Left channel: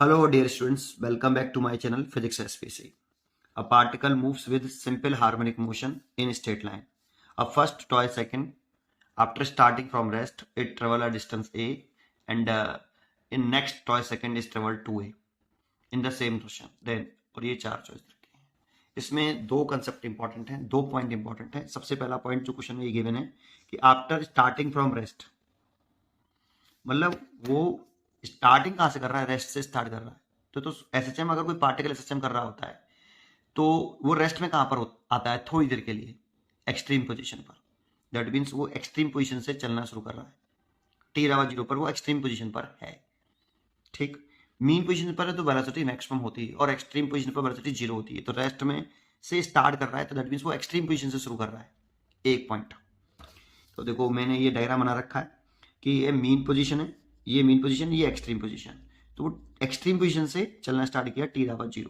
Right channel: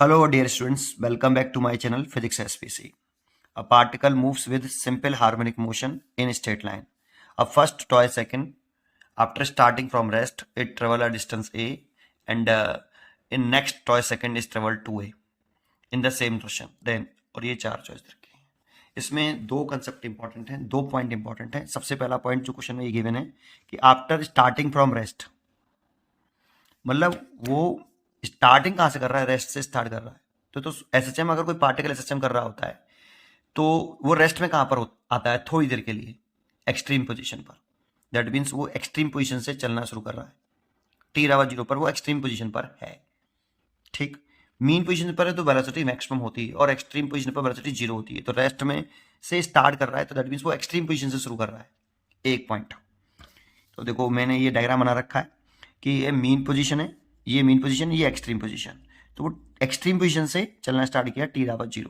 Hello, dear students. Welcome back to my channel Physics SPC. A particle moves with simple harmonic motion in a straight line. A first toy second. After starting from rest, it travel a distance a, and in next toy second is travel 2a in the same direction. Then और ये चार choice रखी है. इसमें दो concept important हैं, दो point important है. सबसे पहला पॉइंट जो क्वेश्चन में ये गिवन है कि आफ्टर स्टार्टिंग फ्रॉम रेस्ट, मतलब वो स्टार्टिंग कहाँ से कर रहा है? रेस्ट से स्टार्ट कर रहा है. तो एसएचएम, अगर कोई पार्टिकल एसएचएम कर रहा होता है तो वो रेस्ट में कहाँ पर आता है? थोड़ी देर के लिए एक्सट्रीम पोजीशन पर. दैट मीन्स वो एक्सट्रीम पोजीशन से चलना शुरू कर रहा है. t=0 पर वो एक्सट्रीम पोजीशन पर है. ठीक, मीन पोजीशन पर है तो वेलोसिटी मैक्सिमम होती है और एक्सट्रीम पोजीशन पर वेलोसिटी 0 होती है. तो रेस्ट में से स्टार्ट कर रहा है तो दैट मीन्स वो एक्सट्रीम पोजीशन से शुरू कर रहा है. एक पॉइंट. तो देखो मैंने ये डायग्राम बना रखा है कि ये मीन पोजीशन है, ये मीन पोजीशन, ये एक्सट्रीम पोजीशन. तो वो एक्सट्रीम पोजीशन से चलना स्टार्ट किया t=0,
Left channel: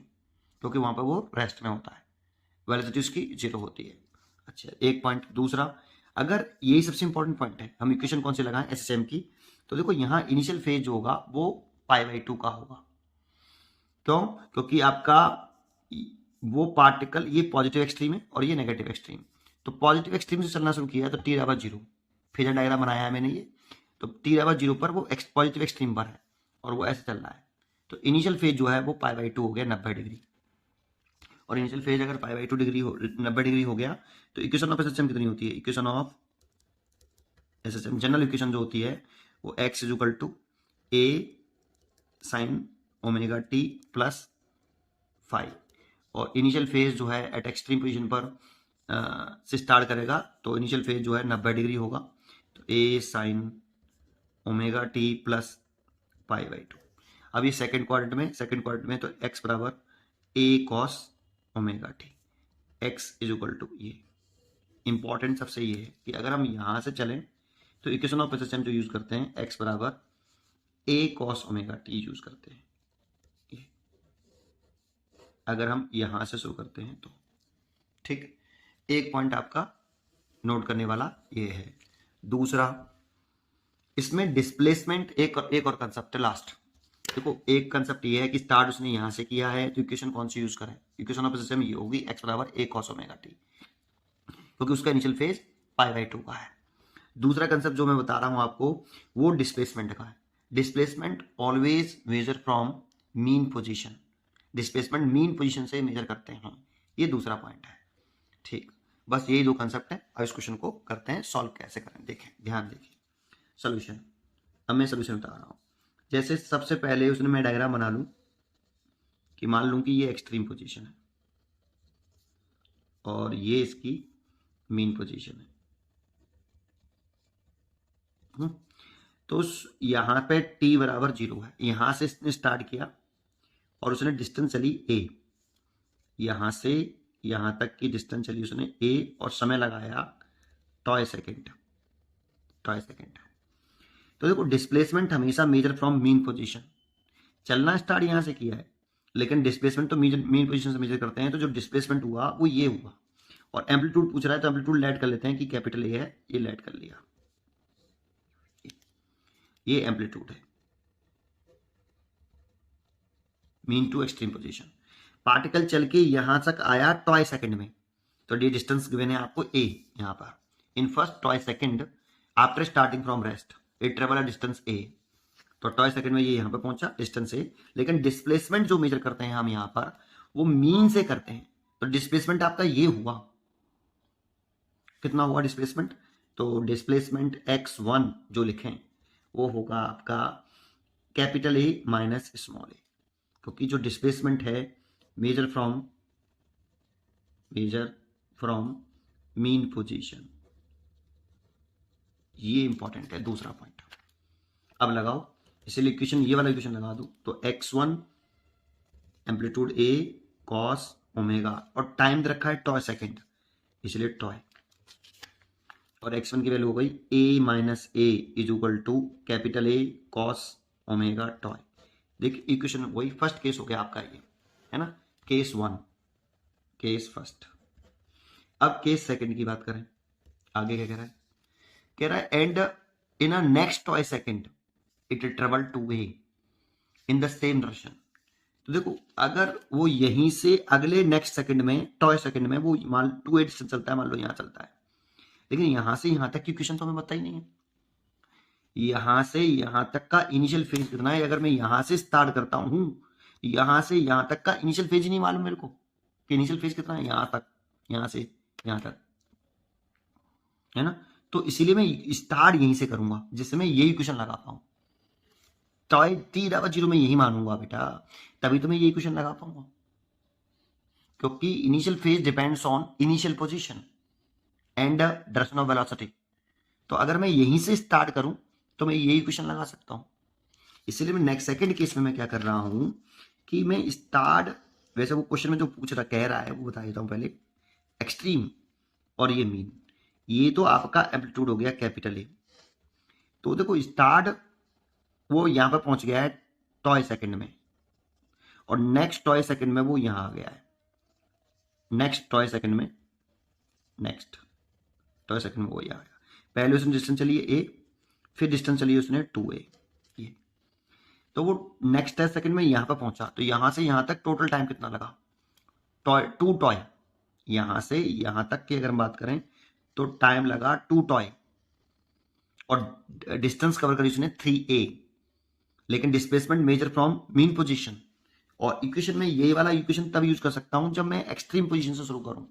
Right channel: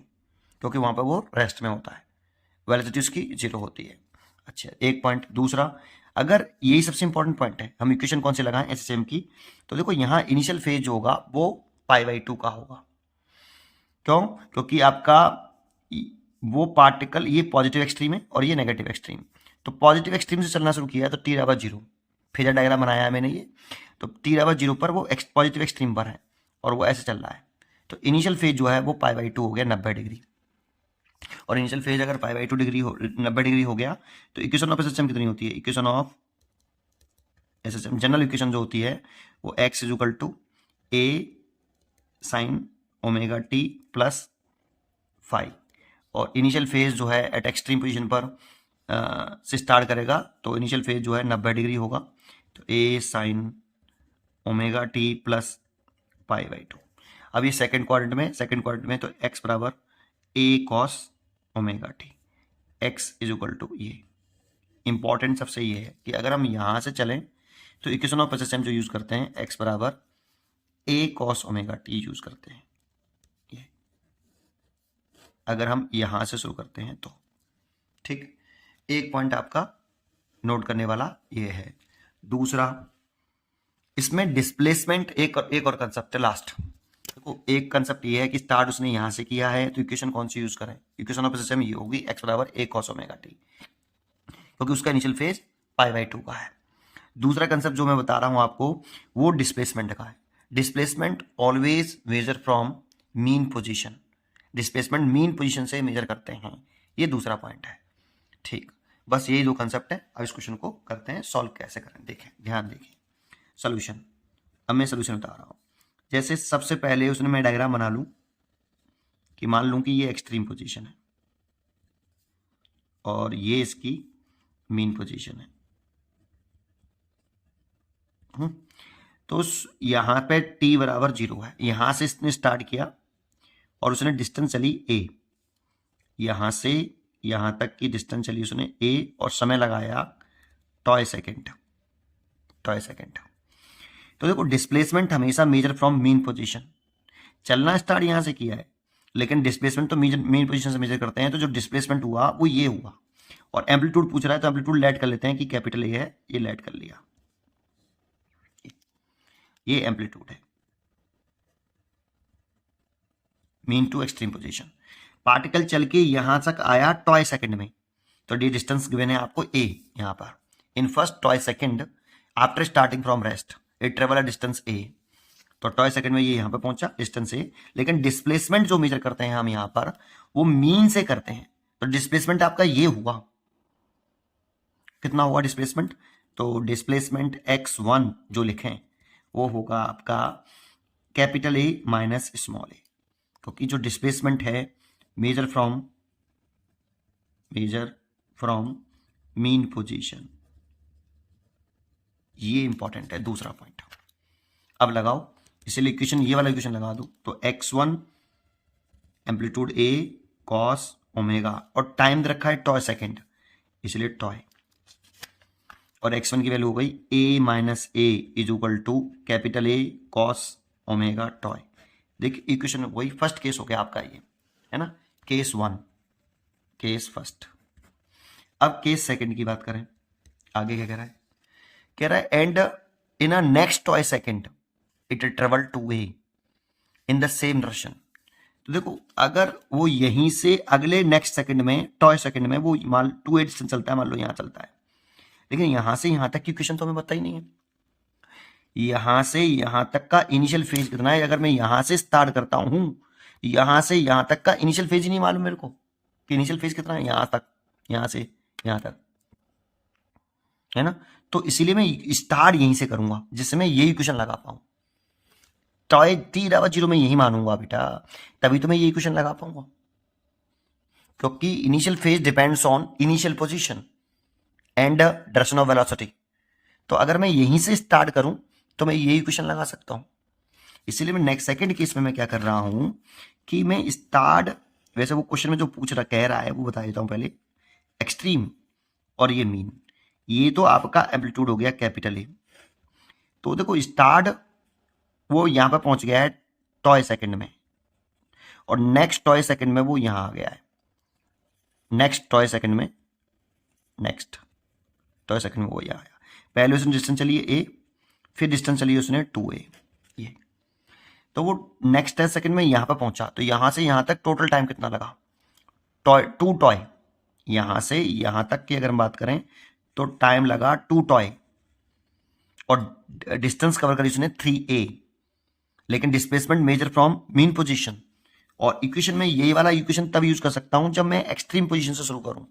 क्योंकि वहां पर वो रेस्ट में होता है, वेलोसिटी उसकी 0 होती है. अच्छा, एक पॉइंट. दूसरा, अगर यही सबसे इंपॉर्टेंट पॉइंट है, हम इक्वेशन कौन से लगाएं एसएचएम की, तो देखो यहाँ इनिशियल फेज जो होगा वो π/2 का होगा. क्यों? क्योंकि आपका वो पार्टिकल, ये पॉजिटिव एक्सट्रीम है और ये नेगेटिव एक्सट्रीम. तो पॉजिटिव एक्सट्रीम से चलना शुरू किया तो t=0, फेजर डायग्राम बनाया है मैंने ये. तो t=0 पर वो पॉजिटिव एक्सट्रीम पर है और वो ऐसे चल रहा है. तो इनिशियल फेज जो है वो π/2 हो गया, 90 डिग्री. और इनिशियल फेज अगर π/2 डिग्री 90 डिग्री हो गया तो इक्वेशन ऑफ एसएचएम कितनी होती है? Equation of SHM, general equation जो होती है वो x = a sin omega t plus five. और इनिशियल फेज जो है एट एक्सट्रीम पोजीशन पर से स्टार्ट करेगा तो इनिशियल फेज जो है 90 डिग्री होगा. तो a sin omega t plus π/2. अब ये सेकेंड क्वाड्रेंट में तो x बराबर a cos omega t. x = ये इंपॉर्टेंट सबसे ये है कि अगर हम यहाँ से चलें तो इक्वेशन ऑफ एसएचएम जो यूज करते हैं x बराबर a cos omega t use करते हैं. ये अगर हम यहाँ से शुरू करते हैं तो ठीक. एक पॉइंट आपका नोट करने वाला ये है. दूसरा, इसमें डिस्प्लेसमेंट एक और कंसेप्ट है लास्ट. देखो एक कंसेप्ट ये है कि स्टार्ट उसने यहाँ से किया है तो इक्वेशन कौन सी यूज करें? इक्वेशन ऑफ एसएचएम ये होगी x बराबर a cos ओमेगा t, क्योंकि उसका इनिशियल फेज π/2 का है. दूसरा कंसेप्ट जो मैं बता रहा हूं आपको वो डिस्प्लेसमेंट का है. Displacement always measure from mean position. Displacement mean position से मेजर करते हैं. ये दूसरा पॉइंट है. ठीक, बस यही दो कंसेप्ट है. अब इस क्वेश्चन को करते हैं सॉल्व. कैसे करें देखें, ध्यान देखिए. सोल्यूशन, अब मैं सोल्यूशन बता रहा हूं. जैसे सबसे पहले उसने मैं डायग्राम बना लूं कि मान लूं कि ये एक्सट्रीम पोजीशन है और ये इसकी मीन पोजीशन है. तो यहां पे t=0 है. यहां से इसने स्टार्ट किया और उसने डिस्टेंस चली a. यहां से यहां तक की डिस्टेंस चली उसने a और समय लगाया टॉय सेकेंड. तो देखो डिस्प्लेसमेंट हमेशा मेजर फ्रॉम मीन पोजीशन. चलना स्टार्ट यहां से किया है लेकिन डिस्प्लेसमेंट तो मीन पोजीशन से मेजर करते हैं. तो जो डिस्प्लेसमेंट हुआ वो ये हुआ. और एम्पलीट्यूड पूछ रहा है तो एम्पलीट्यूड लेट कर लेते हैं कि कैपिटल ए है, ये लेट कर लिया. ये एम्पलीट्यूड है mean to extreme position. Particle चल के यहां तक आया टॉय सेकंड में. तो ये डिस्टेंस गिवन है आपको a. यहां पर in first toy second after starting from rest it travel a distance a. तो टॉय सेकंड में ये यहां पर पहुंचा डिस्टेंस a. लेकिन डिस्प्लेसमेंट जो मेजर करते हैं हम यहां पर वो मीन से करते हैं. तो डिस्प्लेसमेंट आपका ये हुआ. कितना हुआ डिस्प्लेसमेंट? तो डिस्प्लेसमेंट x1 जो लिखें वो होगा आपका capital A minus small a, क्योंकि जो डिस्प्लेसमेंट है मेजर फ्रॉम मीन पोजीशन. ये इंपॉर्टेंट है. दूसरा पॉइंट अब लगाओ, इसलिए इक्वेशन, ये वाला इक्वेशन लगा दो. तो x1 amplitude a cos omega और टाइम दे रखा है टॉय सेकेंड, इसलिए टॉय. और x1 की वैल्यू हो गई a minus a = capital A cos omega t. देखिए इक्वेशन वही फर्स्ट केस हो गया आपका, ये है ना, केस 1, केस फर्स्ट. अब केस सेकंड की बात करें. आगे क्या कह रहा है and in a next t second it travel to a. In the same direction. तो देखो अगर वो यहीं से अगले नेक्स्ट सेकंड में टॉय सेकंड में वो मान 2a डिस्टेंस चलता है, मान लो यहाँ चलता है, लेकिन यहां से यहां तक की इक्वेशन तो हमें पता ही नहीं है। यहां से यहां तक का इनिशियल फेज कितना है, अगर मैं यहां से स्टार्ट करता हूं, यहां से यहां तक का इनिशियल फेज ही नहीं मालूम मेरे को कि इनिशियल फेज कितना है यहां तक, यहां से यहां तक, है ना। तो इसीलिए मैं स्टार्ट यहीं से करूंगा जिससे मैं यही इक्वेशन लगा पाऊं। टॉय t/0 में यही मानूंगा बेटा, तभी तो मैं यही इक्वेशन लगा पाऊंगा, क्योंकि initial phase depends on initial position and direction of velocity. तो अगर मैं यहीं से स्टार्ट करूं तो मैं यही इक्वेशन लगा सकता हूं। इसीलिए मैं नेक्स्ट सेकंड केस में मैं क्या कर रहा हूं कि मैं स्टार्ट, वैसे वो क्वेश्चन में जो पूछ रहा कह रहा है वो बता देता हूं पहले। एक्सट्रीम और ये मीन, ये तो आपका एम्पलीट्यूड हो गया कैपिटल ए। तो देखो स्टार्ट वो यहां पर पहुंच गया है टॉय सेकंड में, और नेक्स्ट टॉय सेकंड में वो यहां आ गया है, नेक्स्ट टॉय सेकंड में, नेक्स्ट टॉय सेकंड में वो यहां आया। पहले उसने डिस्टेंस चली है ए, फिर डिस्टेंस चली उसने 2a, ये तो वो नेक्स्ट सेकंड में यहां पर पहुंचा। तो यहां से यहां तक टोटल टाइम कितना लगा, टॉय 2 टॉय, यहां से यहां तक की अगर हम बात करें तो टाइम लगा 2 टॉय, और डिस्टेंस कवर करी उसने 3a, लेकिन displacement measure from mean position. और इक्वेशन में यही वाला इक्वेशन तब यूज कर सकता हूं जब मैं एक्सट्रीम पोजीशन से शुरू करूं।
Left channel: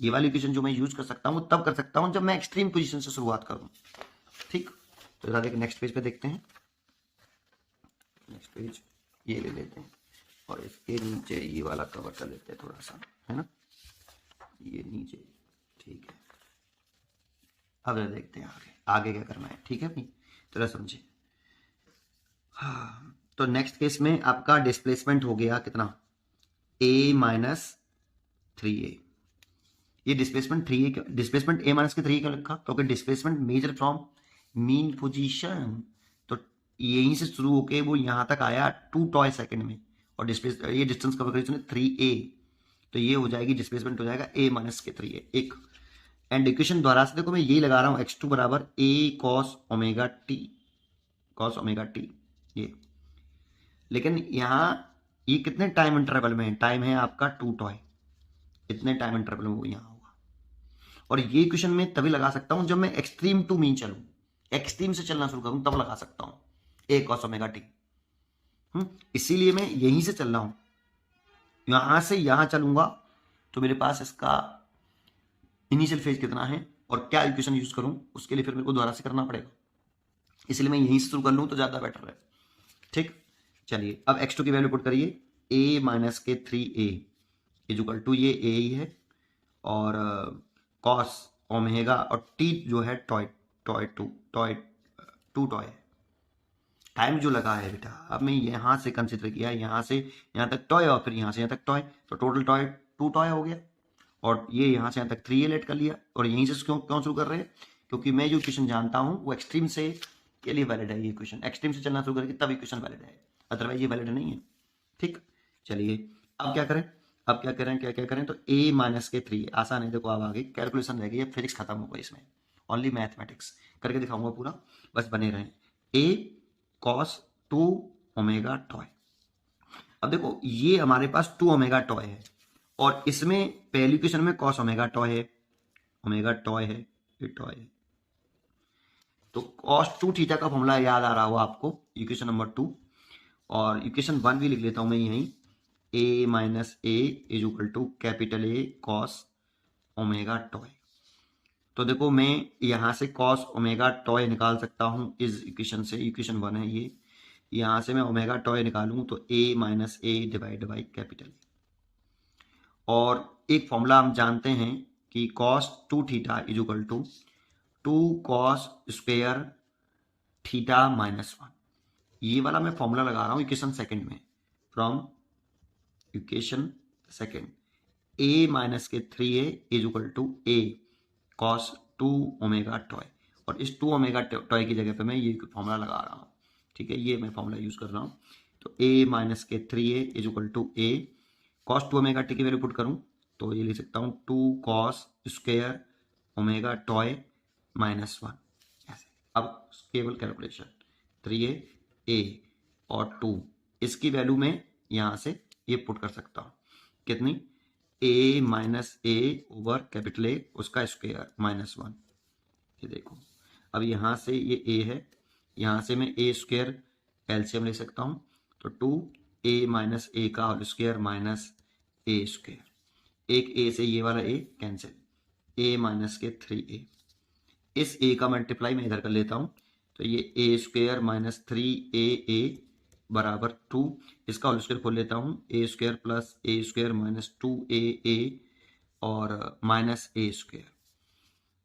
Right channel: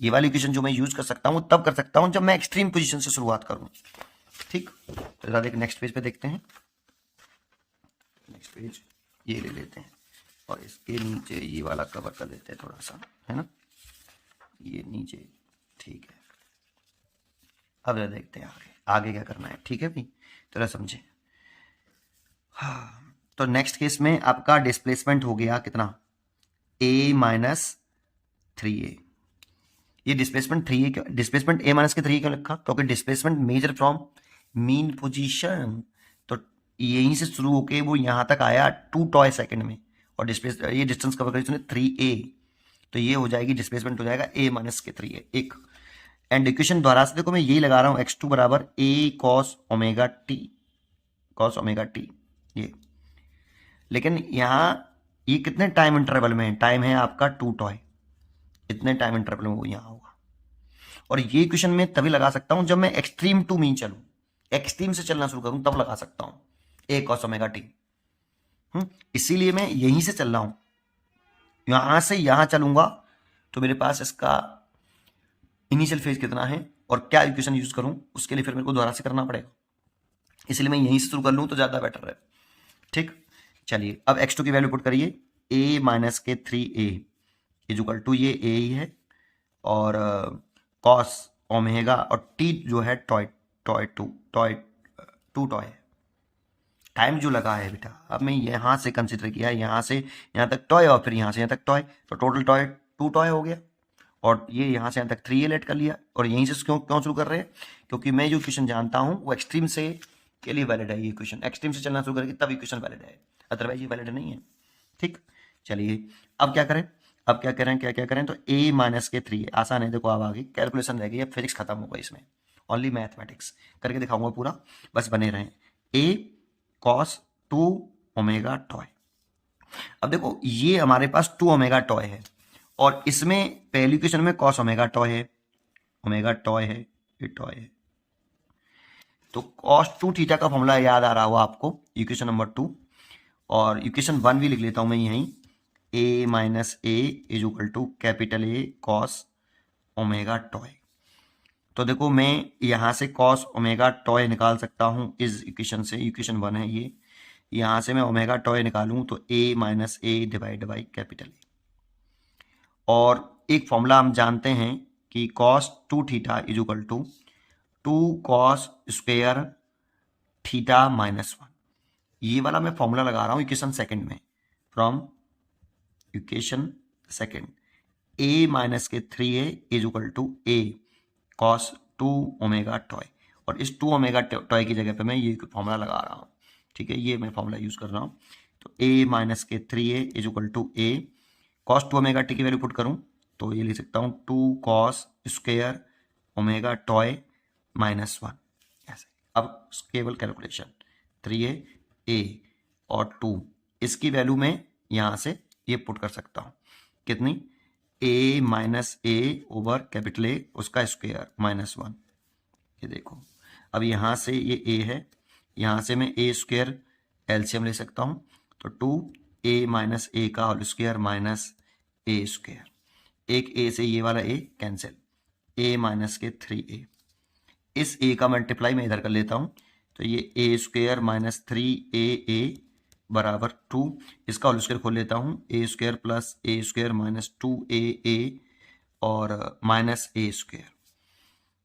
ये वाली इक्वेशन जो मैं यूज कर सकता हूं तब कर सकता हूं जब मैं एक्सट्रीम पोजीशन से शुरुआत करूं। ठीक, तो जरा नेक्स्ट पेज पे देखते हैं। नेक्स्ट पेज ये ले लेते हैं और इसके नीचे ये वाला कवर कर लेते हैं थोड़ा सा, है ना, ये नीचे। ठीक है, अब जरा देखते हैं आगे आगे क्या करना है। ठीक है भाई, तो समझे। हाँ, तो नेक्स्ट केस में आपका डिस्प्लेसमेंट हो गया कितना, a-3a। ये डिस्प्लेसमेंट 3a, डिस्प्लेसमेंट a-3a क्यों लिखा, क्योंकि displacement measure from mean position. तो यहीं से शुरू होके वो यहां तक आया 2 टॉय सेकंड में, और डिस्प्लेस ये डिस्टेंस कवर करी उसने 3a, तो ये हो जाएगी डिस्प्लेसमेंट हो जाएगा a-3a एक। एंड इक्वेशन द्वारा से देखो मैं यही लगा रहा हूं x2 बराबर a cos ओमेगा t, ये। लेकिन यहाँ ये कितने टाइम इंटरवल में है, टाइम है आपका 2 टॉय, इतने टाइम इंटरवल में वो यहाँ होगा। और ये इक्वेशन में तभी लगा सकता हूं जब मैं एक्सट्रीम टू मीन चलूं, एक्सट्रीम से चलना शुरू करूं तब लगा सकता हूं a cos ओमेगा t। इसीलिए मैं यहीं से चल रहा हूं, यहां से यहां चलूंगा तो मेरे पास इसका इनिशियल फेज कितना है और क्या इक्वेशन यूज करूं उसके लिए फिर मेरे को दोबारा से करना पड़ेगा। इसलिए मैं यहीं से शुरू कर लूं तो ज्यादा बेटर है। ठीक, चलिए अब x2 की वैल्यू पुट करिए, a-3a इजुकल टू ये a ही है, और cos ओमेगा, और t जो है टॉय टू टॉय। टाइम जो लगा है बेटा, अब मैं यहां से कंसिडर किया, यहां से यहां तक टॉय और फिर यहां से यहां तक टॉय, तो टोटल टॉय 2 टॉय हो गया। और ये यहां से यहां तक 3a लेट कर लिया, और यहीं से क्यों क्यों शुरू कर रहे हैं, क्योंकि मैं जो इक्वेशन जानता हूं वो एक्सट्रीम से के लिए वैलिड है। ये इक्वेशन एक्सट्रीम से चलना शुरू करके तब इक्वेशन वैलिड है, अदरवाइज ये वैलिड नहीं है। ठीक, चलिए अब क्या करें, अब क्या करें, क्या क्या करें, तो a-3 आसान है। देखो अब आगे कैलकुलेशन रह गई, अब फिजिक्स खत्म होगा, इसमें ओनली मैथमेटिक्स करके दिखाऊंगा पूरा, बस बने रहें। a cos 2 omega toy. अब देखो ये हमारे पास 2 ओमेगा टॉय है, और इसमें पहली इक्वेशन में cos ओमेगा टॉय है, ओमेगा टॉय है, ये टॉय है। तो cos 2 थीटा का फॉर्मूला याद आ रहा होगा आपको, इक्वेशन नंबर 2। और इक्वेशन 1 भी लिख लेता हूं मैं यहीं, a-a is equal to capital A cos omega t. तो देखो मैं यहां से cos ओमेगा टॉय निकाल सकता हूं इस इक्वेशन से, इक्वेशन 1 है ये, यहां से मैं ओमेगा टॉय निकालूं तो a-a divide by capital A। और एक फॉर्मूला हम जानते हैं कि cos 2 theta is equal to 2 cos square theta minus 1। ये वाला मैं फॉर्मूला लगा रहा हूं इक्वेशन सेकंड में, from equation second a-3a is equal to a cos 2 omega t. और इस 2 ओमेगा टॉय की जगह पे मैं ये फॉर्मूला लगा रहा हूँ। ठीक है, ये मैं फॉर्मूला यूज कर रहा हूँ। तो a-3a is equal to a cos 2 omega t की वैल्यू पुट करूँ तो ये लिख सकता हूँ 2 cos square omega t minus 1, ऐसे। अब केवल कैलकुलेशन 3a और 2, इसकी वैल्यू में यहाँ से ये पुट कर सकता हूँ, कितनी, a minus A over capital A उसका स्क्वायर -1। ये देखो, अब यहाँ से ये a है, यहाँ से मैं a स्क्वायर एलसीएम ले सकता हूँ, तो 2a माइनस ए का होल स्क्वायर माइनस ए स्क्वायर, एक a से ये वाला a कैंसिल, a माइनस के 3a, इस a का मल्टीप्लाई मैं इधर कर लेता हूँ, तो ये a स्क्वायर माइनस 3a बराबर 2, इसका होल स्क्वायर खोल लेता हूँ, a square plus a square minus 2a और माइनस a स्क्वायर,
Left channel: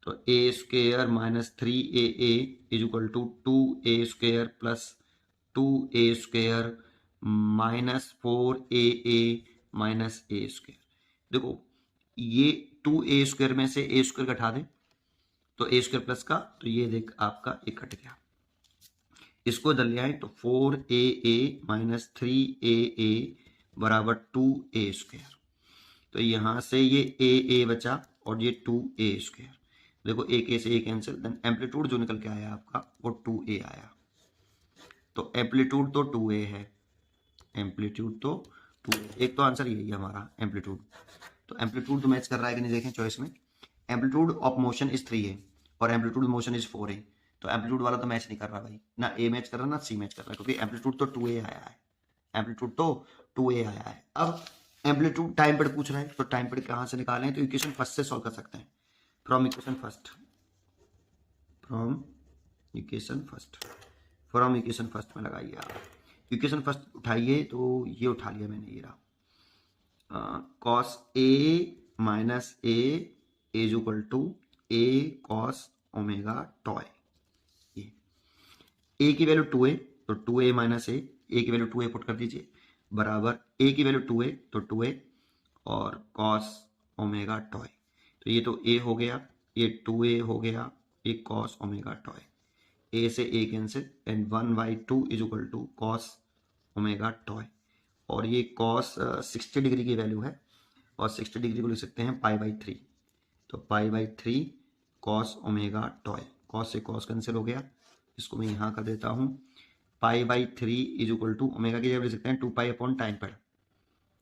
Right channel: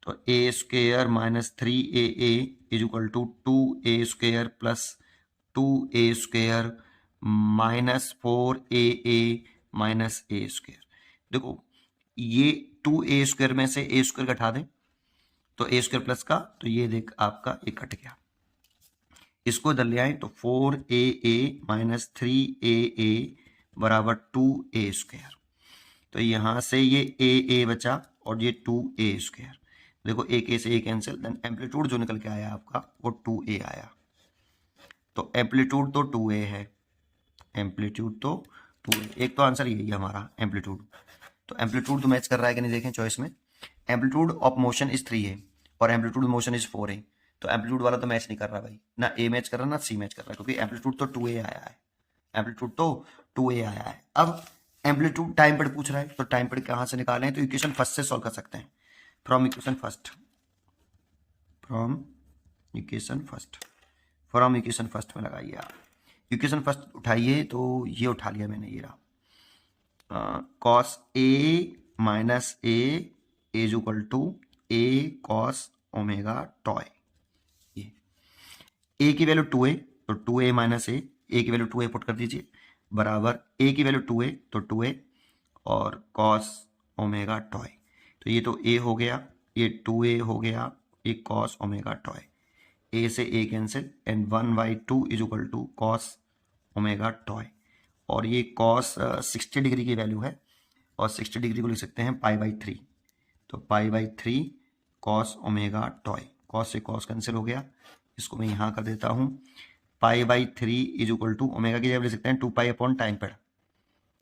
तो a square minus 3a is equal to 2a square plus 2a square minus 4a minus a square. देखो ये 2a square में से a square घटा दें तो a square plus का, तो ये देख आपका ये कट गया, इसको इधर ले आए तो 4a माइनस 3a बराबर 2a स्क्वायर, तो यहाँ से ये a बचा और ये 2a स्क्वायर। देखो एक a से a कैंसिल, देन एम्पलीट्यूड जो निकल के आया आपका वो 2a आया, तो एम्पलीट्यूड तो 2a है, एम्पलीट्यूड तो 2a, एक तो आंसर यही है हमारा एम्पलीट्यूड। तो एम्पलीट्यूड तो मैच कर रहा है कि नहीं देखें चॉइस में, एम्पलीट्यूड ऑफ मोशन इज 3 है और एम्पलीट्यूड मोशन इज 4 है, तो एम्पलीट्यूड वाला तो मैच नहीं कर रहा भाई, ना ए मैच कर रहा ना सी मैच कर रहा, क्योंकि एम्पलीट्यूड तो 2a आया है, एम्पलीट्यूड तो 2a आया है। अब एम्पलीट्यूड टाइम पीरियड पूछ रहा है, तो टाइम पीरियड कहाँ से निकालें, तो इक्वेशन फर्स्ट से सॉल्व कर सकते हैं, फ्रॉम इक्वेशन फर्स्ट में लगाइए आप, इक्वेशन फर्स्ट उठाइए, तो ये उठा लिया मैंने, ये रहा cos a minus a is equal to a cos omega t, ये a की वैल्यू 2a तो 2a माइनस a की वैल्यू 2a पुट कर दीजिए, बराबर a की वैल्यू 2a तो 2a और कॉस ओमेगा टॉय, तो ये तो a हो गया, ये 2a हो गया, ये कॉस ओमेगा टॉय, a से a cancel and 1/2 is equal to cos omega t, और ये कॉस 60 डिग्री की वैल्यू है और 60 डिग्री को लिख सकते हैं π/3, तो π/3 कॉस ओमेगा टॉय, कॉस से कॉस कैंसिल हो गया, इसको मैं यहाँ कर देता हूँ, π/3 इज इक्वल टू ओमेगा की जगह लिख सकते हैं 2π अपॉन टाइम पीरियड,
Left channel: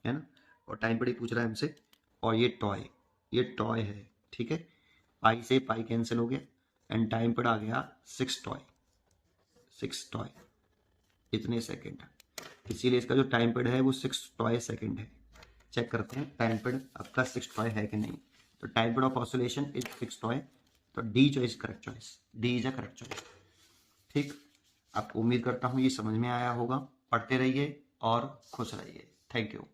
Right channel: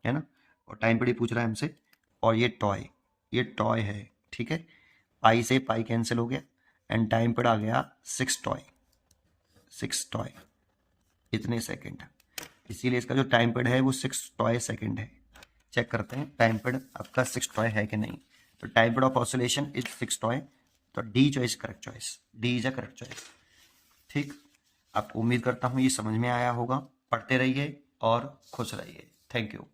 है ना, और टाइम पीरियड पूछ रहा है हमसे, और ये टॉय है, ठीक है, पाई से पाई कैंसिल हो गया एंड टाइम पीरियड आ गया 6 टॉय इतने सेकेंड, इसीलिए इसका जो टाइम पीरियड है वो 6 टॉय सेकेंड है। चेक करते हैं टाइम पीरियड आपका 6 टॉय है कि नहीं, तो time period of oscillation is 6 toy, तो D choice correct choice, D is a correct choice. ठीक, आपको उम्मीद करता हूँ ये समझ में आया होगा, पढ़ते रहिए और खुश रहिए, थैंक यू।